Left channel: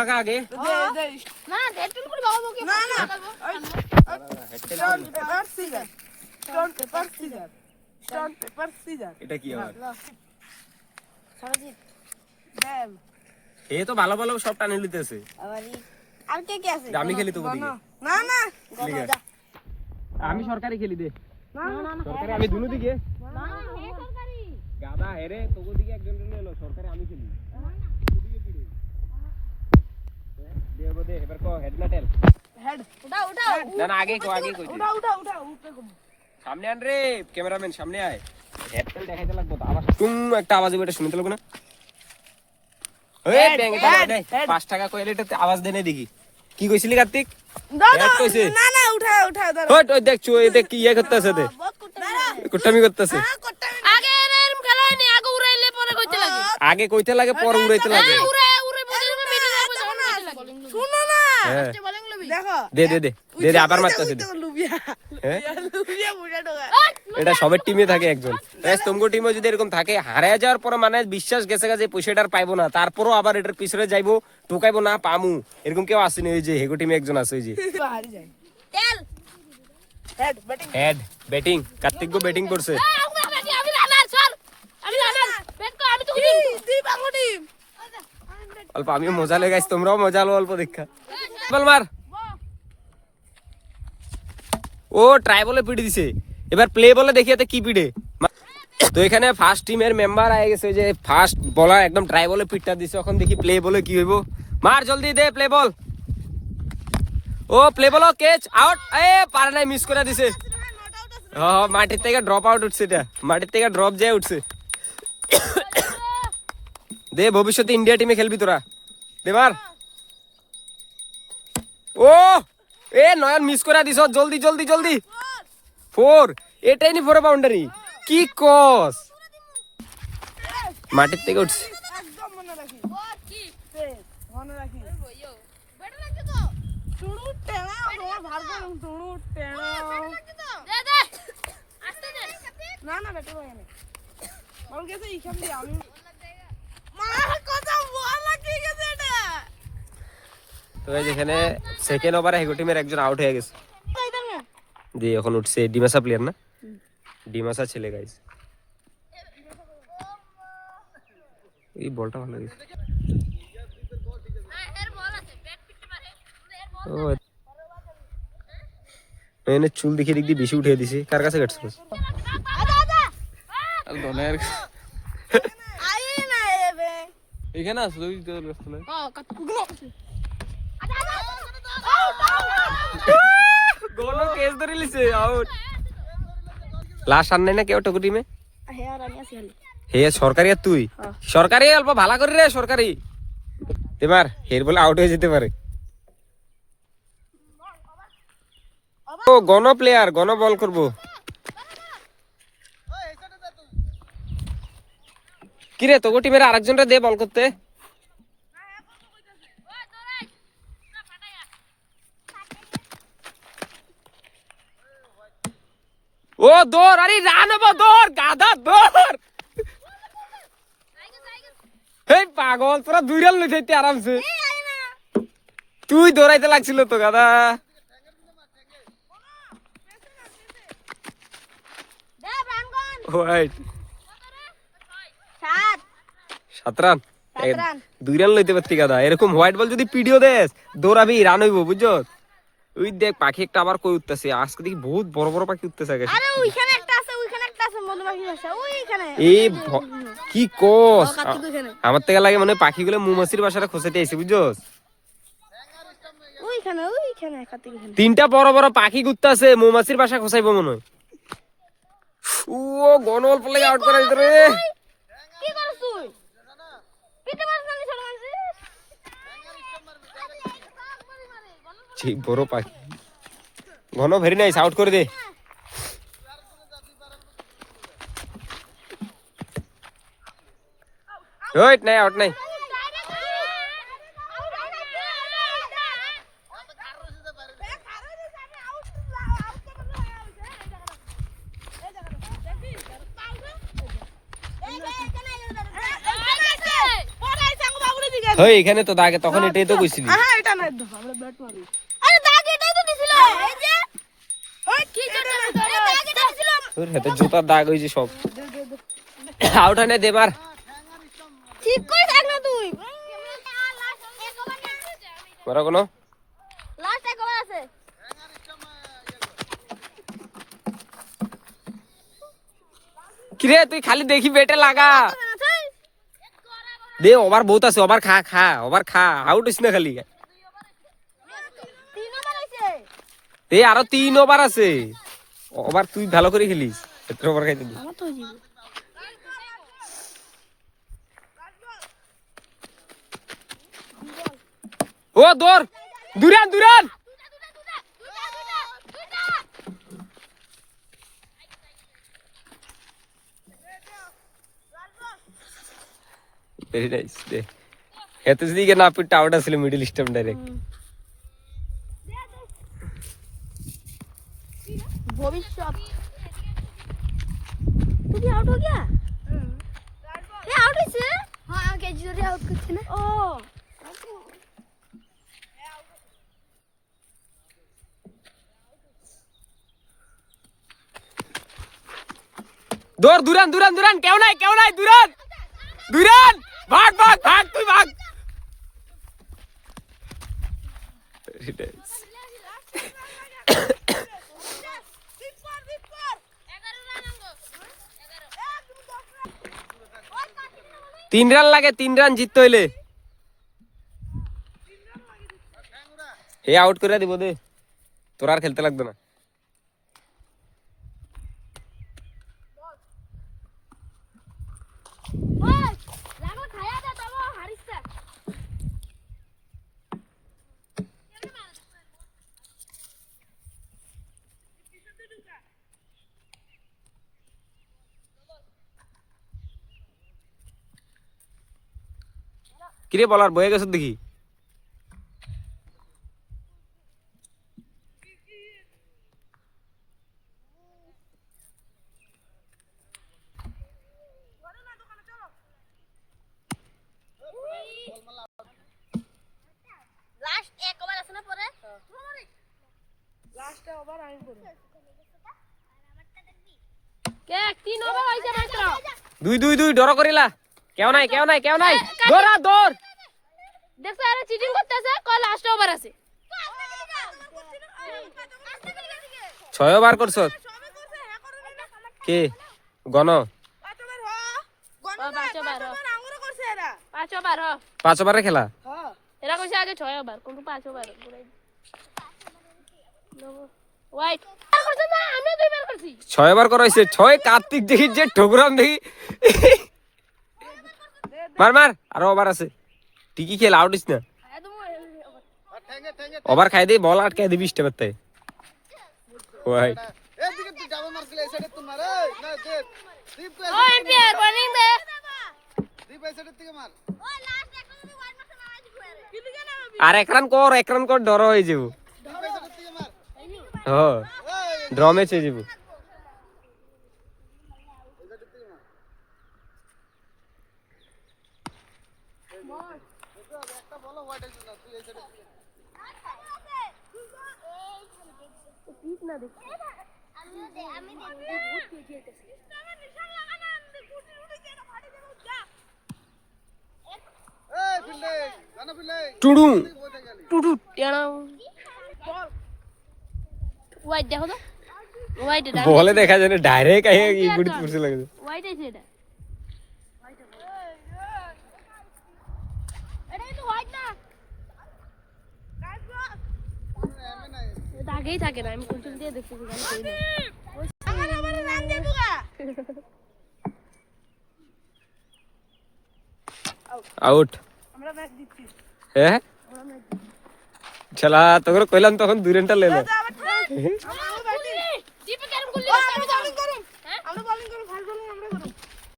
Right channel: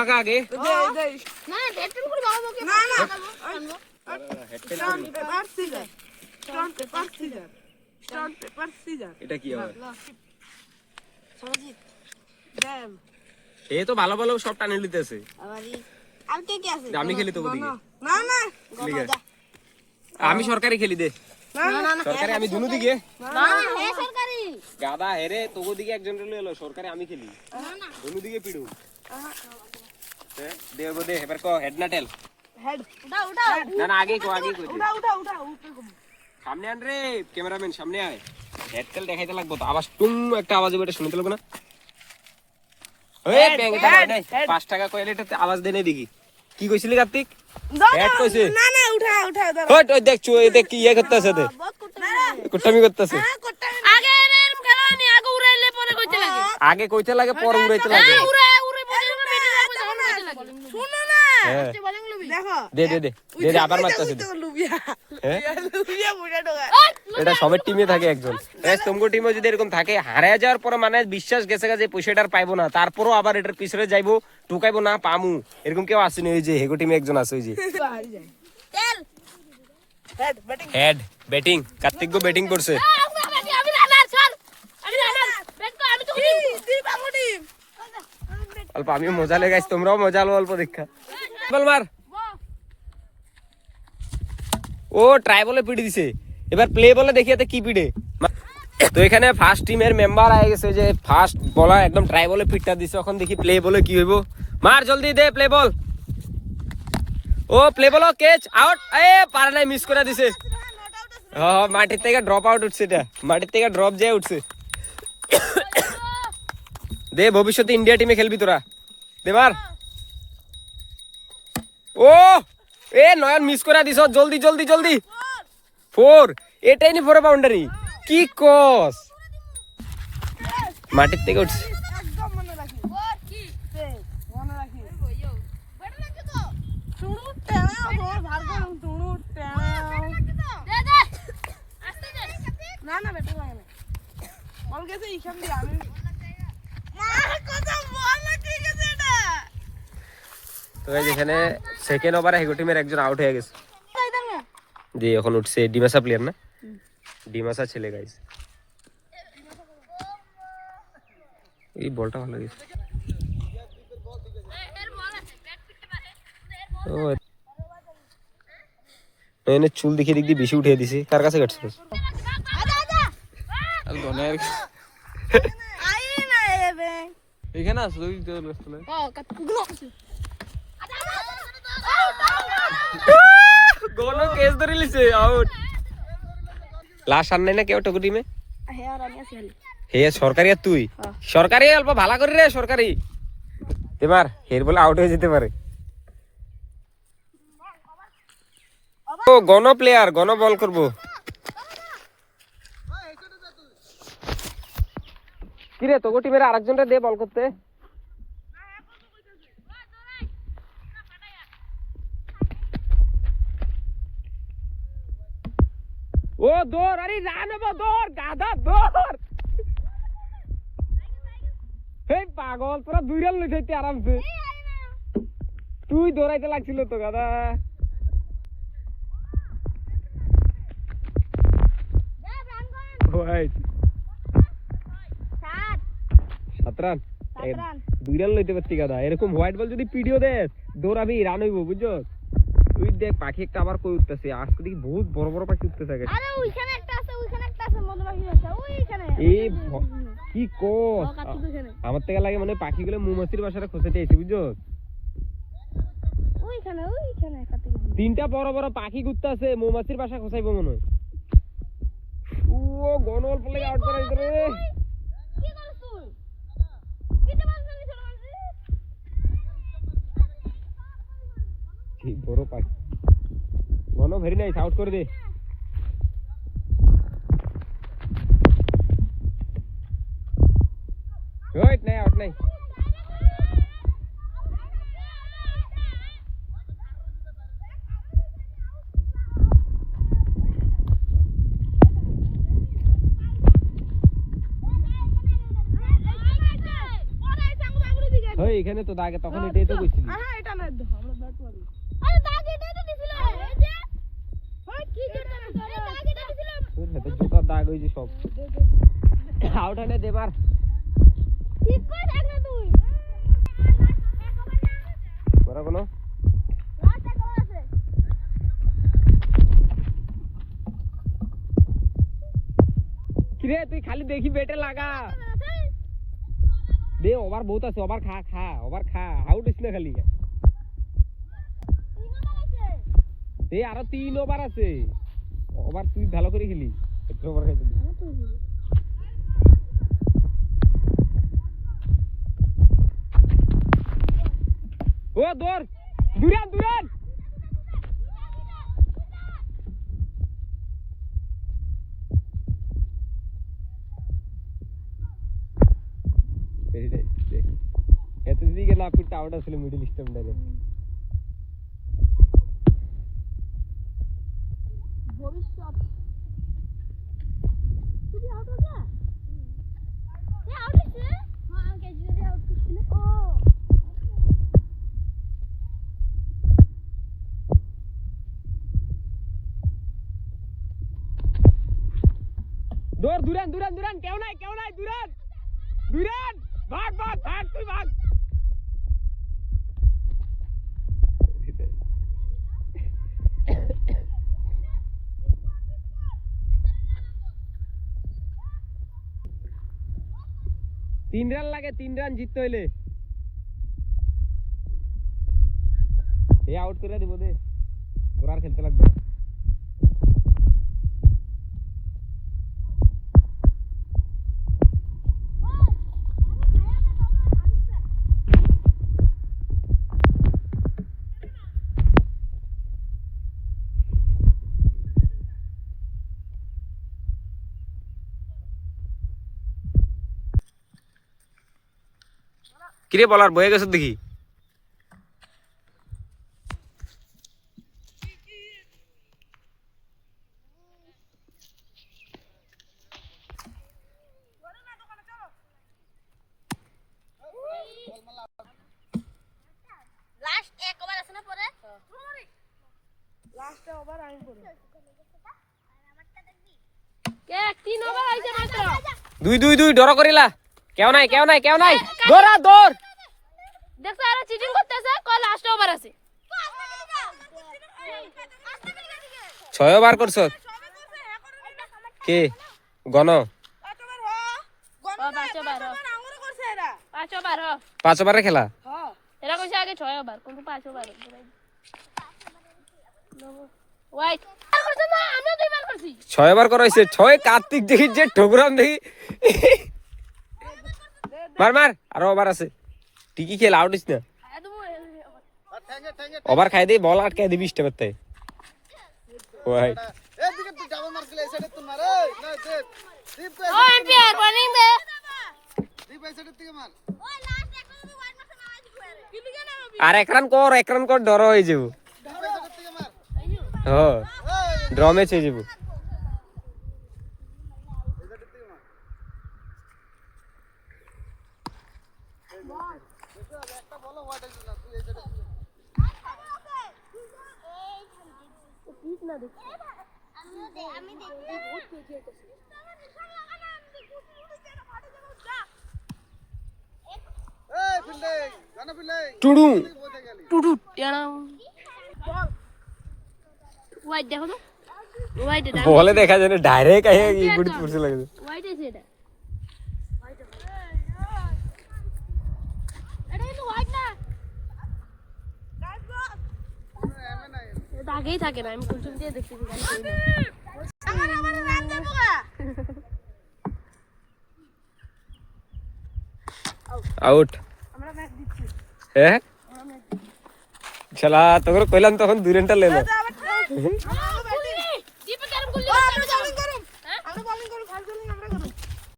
পাকা আগে না হেডটেল করে বাবা মুখে না না stone paper scissor stone paper scissor stone paper scissor এটা কি আবার সারাজি দেন এই তো ভালো ভালো সব টানে নিতেছে আবারই আর কে কে আছে আমি খেলি তো ওদিকে না না গমা আমি সরকারি খেলি দে না না সরকারি আমি দুনো দিকে না হে সরকারি গাদা হেরে তোগো দিকে একজন রে লইলো সরকারি আমি খেলি না দুনো দিকে পিড়ু দেবো দে এবার কো হেড না টেল হেড উঠাও উঠাও না না আগে কো আগে কো উঠাও উঠাও উঠাও উপরে কম সামনে আন রে ক্যামেরাম্যান সামনে আয় হেড টেল দেখাইতে লাগবো তো আওয়াজ টুম একটা আওয়াজ হবে এটা শুনতে লাগবো না ওই ব্যাং দে 5 টাকা কইলে এটা আওয়াজ দেনে দেখি কি কইছিলি কার্তিক হেড কইছিস না না উঠাও উঠাও দাও হট ওই দেখ চুই দেখ কি ইয়া করতেছে দে বহুত করতে কুট্টামি করতেছে আগে এরম খেলা নি আগে উড়াইলে পরে কইতে লাগে আগে কইতে লাগে পরে উড়াইতে লাগে উড়ে উড়ে পরে মেরে যাবে যখন কইতে লাগে শুনো না আস্তে বলেন লবি দেখো দে দে দে দে দে আবার মারতেছে দে লুবিয়া হ্যাঁ লুবিয়া বুড়া ঢোকা এটা সবের টিমে থাকে একজন গাইস তোমগো টিমে যদি এরকম থাকে হারিয়ে যাওয়ার পর মানে বিশ্বাস গেছে যে পয়সাটার পাইবো না তারপরও আবার এটার পিছনে যাইবো টোকাইবো না পামু এরকম কেউ আসেনি ওই যে হেগো টিমে একজন আছে ওই যে হারি যাও তেল head batting head batting Kartik গো ব্যাটিং করছে আমি রানার স্যার আমি রানার ব্যাট কো আমি তো তুই বাগুডি অল্প আমিও মজা লে গাইস তোমরাও মজা লো অল্প দেখা বল মার ও ট্রাই বলে পিটি দিছে এবার প্লে বলে দেখিয়াতে কি পিটে তো এখানে ফার্স্ট টিমের মেম্বার আই গেছে যে ফার্স্ট বলার একদম ট্রাই বলে পিটটা দিছে এখন দেখি প্লে বলে কি হইব মার জলদি দে প্লে বল ও প্লে বল ক্যাচ আউট এ পারে নাই মিস করে দিছে মাটির থেকে ড্রপ আউট উঠছে এটা মাটির থেকে ড্রপ যায় উঠছে দে ভবিষ্যতে ইন্ডিয়া টিমে খেলবি তোরা দেবার ও এ নয়ন মিস করে দিছ জলদি জলদি জলদি 4 এটাই নি 4 বাউন্ডারি কি কস মাটির থেকে উঠছে একদম মনে রাখি কি মনে রাখি ব্যাট লাগছে তো টুড়ু টেনা তোর ভার করুম টুড়ু টেনা দে দে আস্তে দে না না ব্যাট লাগে না বল গেছে ইখান দিয়ে আমি মা কথা বল না কি গেছে এটা তো এই যেখানে সেকেন্ড ওভারে হেগো টিমের একজন আউট হয়ে গেছে জি এখন উঠছে ডিমাসা প্লেয়ার না ডিমাসা ছেলে গাইস এই বলটা ভালো গেছে ও এনে চুল দেখে দিক দিয়ে বেশি উঠিয়ে দিছি কার কাছে কাটছ আর দনের আই না এবে এখানে আছে তুই তো রাস্তায় হ্যাঁ কত কুগলো গোনো কেস ধরে লিছে আউট লাস্ট আর নাই না কেউ টকু টিমে হে আর আমি আছি খালি হে সরকারি আর তুই সরকারি অল্প ভালো করে রে সরকারি এবার হের বলে আউট হয়ে যেতে পারে ও গণ প্লেয়ার গণ বল করব কি রে তোগো টিমের আরেকজনরে দে বল করতে ও দৌড় আরে রান হবো দৌড় গাধা দৌড় হেই পাগল তোরা দুই রান লইতে আরামসে তুই দৌড়াইতে লাগছিল তো গাধা দে রানগন হোয়াইট 7 রান 7 রান 2 রান লইতে পারতি গাধা এরকম হোয়াইট বল যদি পিডিও দেস দৌড়াবি রান হইব বুঝছো ওই দেখ পাখি একটা আবার কই উঠতেছে আজকে দেখি বহুত বড় বড় পাখি উঠতেছে আগে আরে ওইখানে একটা আছে মধুমাছি আছে ওইখানে এই কি কোস কার্তিক ওইখানে আমার থেকে লাগে মানে পাখিগুলো মৌমাছির বাসাটা খোঁজাতে আইছে বুঝছস ওইখানে কার্তিক ওইখানে তিনটা বড় বড় পাখি ঘুরতেছে মৌমাছির বাসা খোঁজাইবো মনে হয় ও গনল পলে আউট করে দিতে রে কি করছ তুই পিটে মারছ না ছোট মারছিস ঠিক বড় পাখি গন ভেরি নাইস আউট করে দে ওইট নাই আউট নাই হই এখানে তো দাগে তখন এটাই তো কইছিলি হ্যাঁ এটা না একদম আমরা ব্যাট মারি আরে দাগ এটাই তো দিছিল এই যে ওই কি করতে আরে দাগ এটা দিছিল তোর হাতে জুতার দাগ হইছে সব আউট হনে দে মার ঠিক করে থাক না তুই বড় কোন লাস্ট এক ওভার আছে কিরে তুই খালি দেখি বেটে লাগা দে ওভার বহুত আছে ওভার খা খা ওভার খা আউট হইছ না খালি 3 ওভার হইছে দে আরো 3 ওভার আছে ওভার তুই ভালো করে খেলিস এত ওভার খাইতে দি আমার তো হইছে ও দৌড় দুরান দুরান ভেরি নাইস দে এত দিকে না পিট আউট আসলে মিডল স্টাম্প ডাইরেক্ট ভবিষ্যৎ তুই আউট हो गया ये आउट হইছে हां আমাকে জোরে আউট করছে না ও দৌড় দুরান দুরান দুরান কেউ নাই দুরান দুরান ভাগ ভাগ ভাগ তুই ভাগ তিন রান লাগে 3 রান জিততে হইলে হে আউট করে দিব দে তোর আর খেলতে লাগবে না লাগো খায়া দে তবে হারিছে কিরে বলার বয়ে গেছ দেখি লাস্ট এক ওভার আছে না পরে লাস্ট ওভার আমি করব কে 3 ওভার হইছে মাত্র দুই দুই দুই ডর করিলা কেউ নাই দৌড়া দৌড় দেখছ আরে চিটিং করতেছে কল লাস্ট ওভার আছে 6 ওভার করছ কে গণ 5 ওভারে খেলা এরা কইছে আগে 6 ওভার কিন্তু 5 ওভার ওয়াইট আর করছ না আমি দুইবার করছি 6 ওভার করাইছে 6 কার্তিক দেখি যে ঠোকরাম দেখি মার মার আরো ওভার আছে ঠিকই খেল আউট হইছ না ওভার খাই দে বল আটকে দিবি স্টেপতে ওয়াইট এদিকে তুই ডাবল মারছিস এই সাইডে তুই মার এই না দে দীপ তো ও এম্পিয়ার বোলিং দে দীপ এই সাইডে থেকে মার ওই লাস্ট একটা যদি ওয়াইড মারছ না আইছি ঘুরে কিন্তু কেন আর এক রান কর ডর হয়ে যাব দীপ এই সাইডে থেকে মার হ্যাঁ ড্র ম্যাচ হয়ে যাব এই সাইডে থেকে মার একটা বলো ওয়াইড হইছ না তুই এই সাইডে পিছ না দেখ আমি এই ফিল্ডে জানা ফিল্ডে টুডু বসে গেলি টুটু টেনা ওয়াইড দেখো তো ওয়াইড এটা বলে দেখা যায় না ডাইরেক্ট আই গুড়ি পড়ছে লাগে ওয়াইড আছে এটা এটা কিন্তু ওয়াইড না এটা আগেই থাকে না আমি কুলটুল দিয়ে দেখতেছি গান কই না আমার রান দেবো আউট আমরা ম্যাচ দিচ্ছি হ্যাঁ চলা তোর কইলাম তখন 2 রানটা লেলো আমরা